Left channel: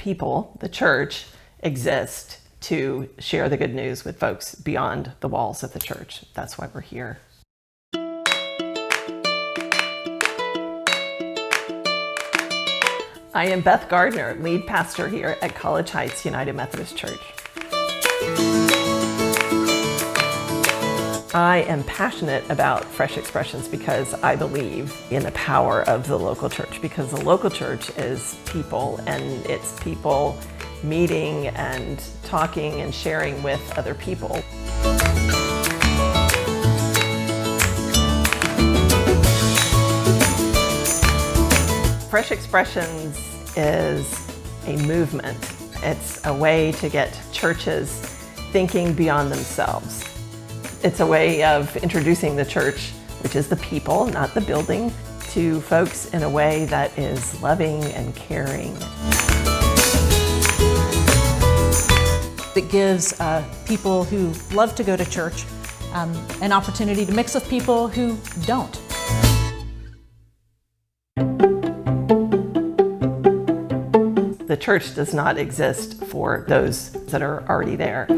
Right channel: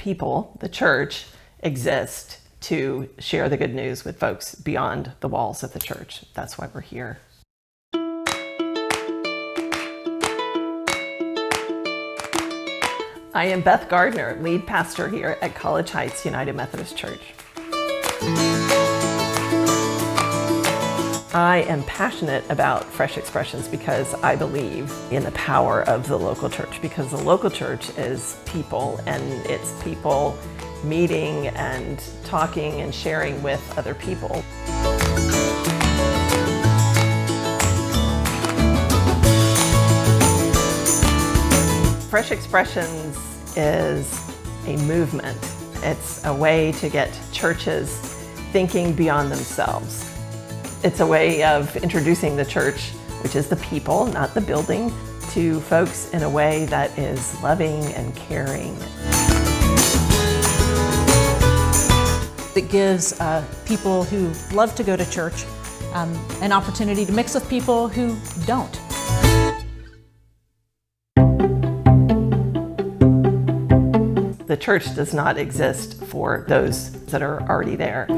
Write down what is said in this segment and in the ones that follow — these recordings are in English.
people, the church, exist to share the good news with folks beyond the walls of the church. That's why we're here. I am Beth Gardner, lead pastor here at College Heights United Methodist Church. I am passionate about Fresh Expressions because I believe in the power of the local church, because the local church is people, and it's people meeting and talking and sharing with other people. Fresh Expressions is a movement. It's a way to get churches thinking beyond themselves. It's a way of introducing the church, which is the people, not the building, to folks in a way that is loving and caring. It gives people who love to go to church an opportunity to mix with people who don't. The church does not exist for those that are already there.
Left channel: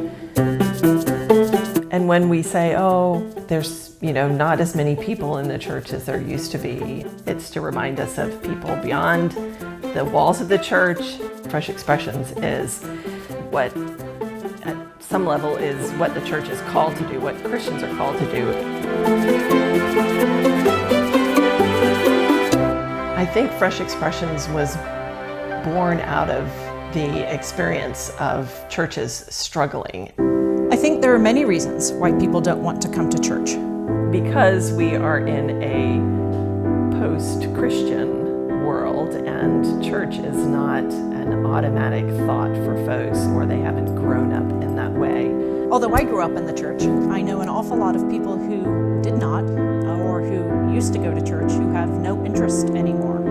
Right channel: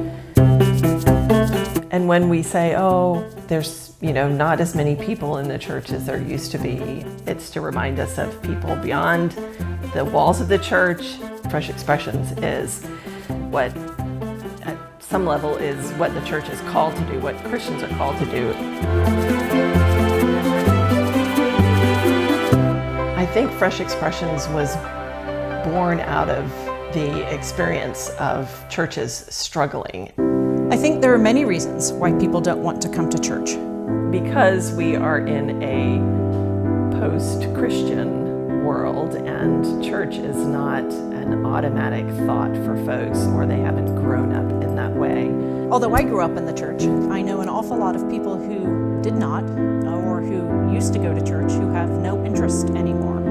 And when we say, oh, there's not as many people in the church as there used to be, it's to remind us of people beyond the walls of the church. Fresh Expressions is what, at some level, is what the church is called to do, what Christians are called to do. I think Fresh Expressions was born out of the experience of churches struggling. I think there are many reasons why people don't want to come to church. Because we are in a post-Christian world, and church is not an automatic thought for folks, or they haven't grown up in that way. Although I grew up in the church, I know an awful lot of people who did not, or who used to go to church, who have no interest anymore.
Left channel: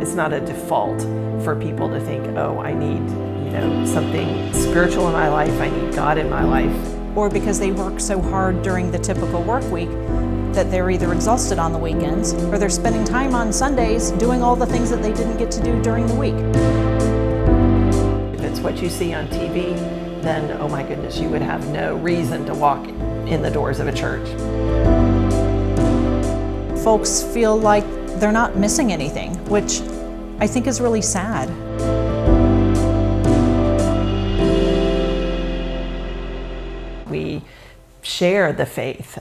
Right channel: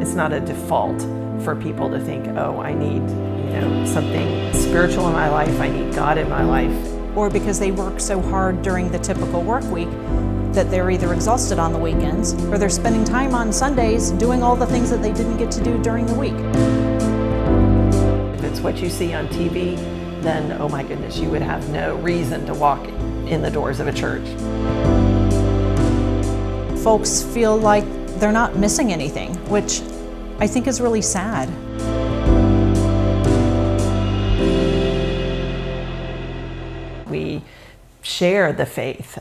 It's not a default for people to think, oh, I need, something spiritual in my life, I need God in my life. Or because they work so hard during the typical work week that they're either exhausted on the weekends, or they're spending time on Sundays doing all the things that they didn't get to do during the week. If it's what you see on TV, then, oh my goodness, you would have no reason to walk in the doors of a church. Folks feel like they're not missing anything, which I think is really sad. We share the faith.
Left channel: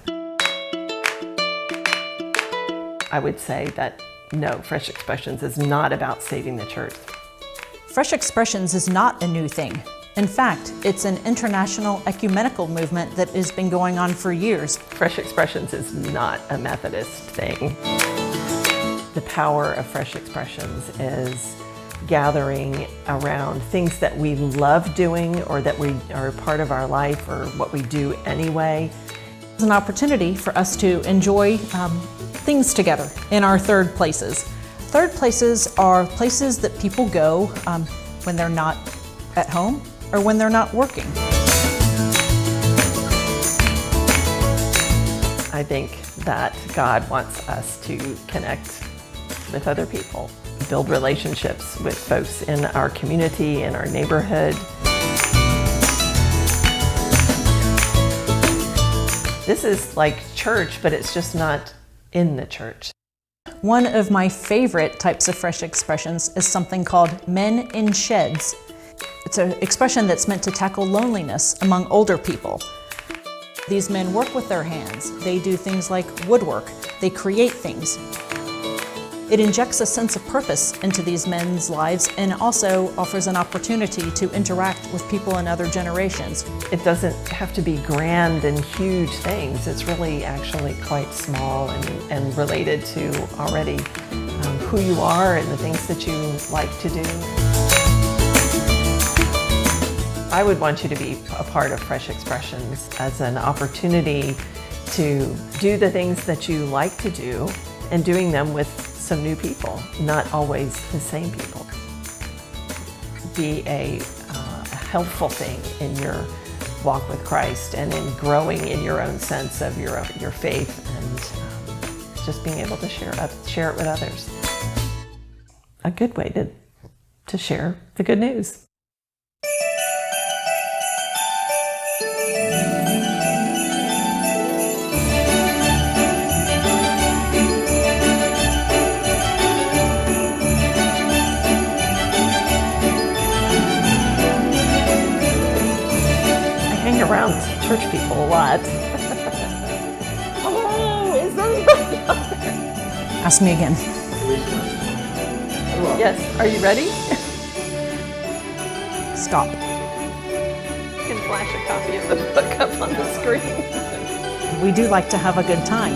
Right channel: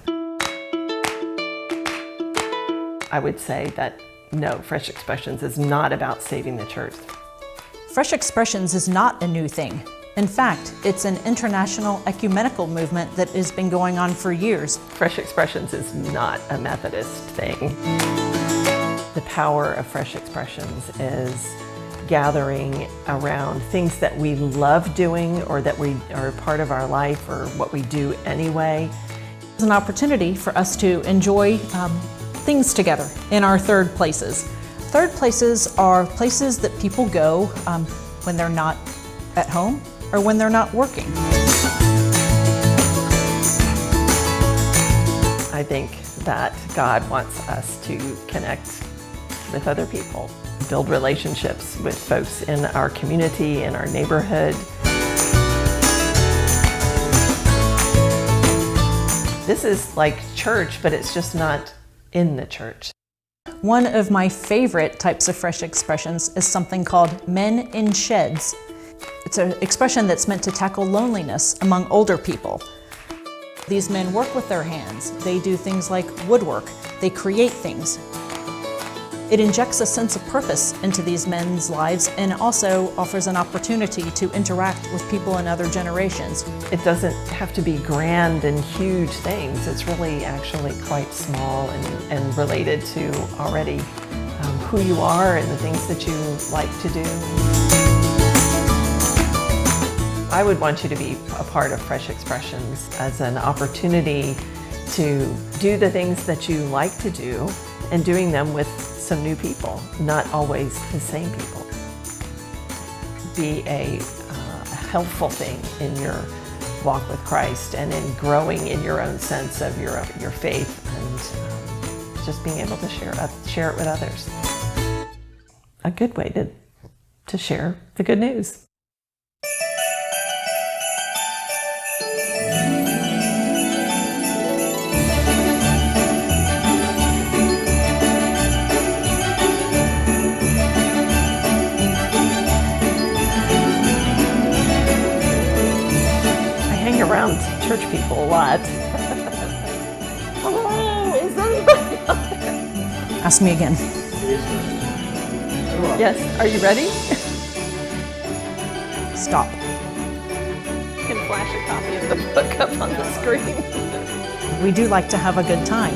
I would say that no, Fresh Expressions is not about saving the church. Fresh Expressions is not a new thing. In fact, it's an international ecumenical movement that has been going on for years. Fresh Expressions is not a Methodist thing. The power of Fresh Expressions is gathering around things that we love doing, or that we are part of our life, or what we do anyway. It's an opportunity for us to enjoy things together in our third places. Third places are places that people go when they're not at home or when they're not working. I think that God wants us to connect with other people, build relationships with folks in our community, in our neighborhood. This is like church, but it's just not in the church. One of my favorite types of Fresh Expressions is something called Men in Sheds. It's an expression that's meant to tackle loneliness among older people. These men work with their hands. They do things like woodwork. They create things. It injects a sense of purpose into these men's lives, and also offers an opportunity to interact with people in other generations. It doesn't have to be grand and huge things. It's really actually quite small and related to already who you are and the things that you like to do. I would want you to be a part of Fresh Expressions as an opportunity to do the things that you like to do, and doing them with some new people, not always the same people. Be a helpful thing in your walk with Christ, and in growing in your own sense of your faith, and just being able to share it with others. A good way to to share the good news. I hang around church people a lot. Hello, is anybody out there? Ask me again. Yes, are you ready? Stop. You can flash a copy of the book up on the screen. We do like to have a good time.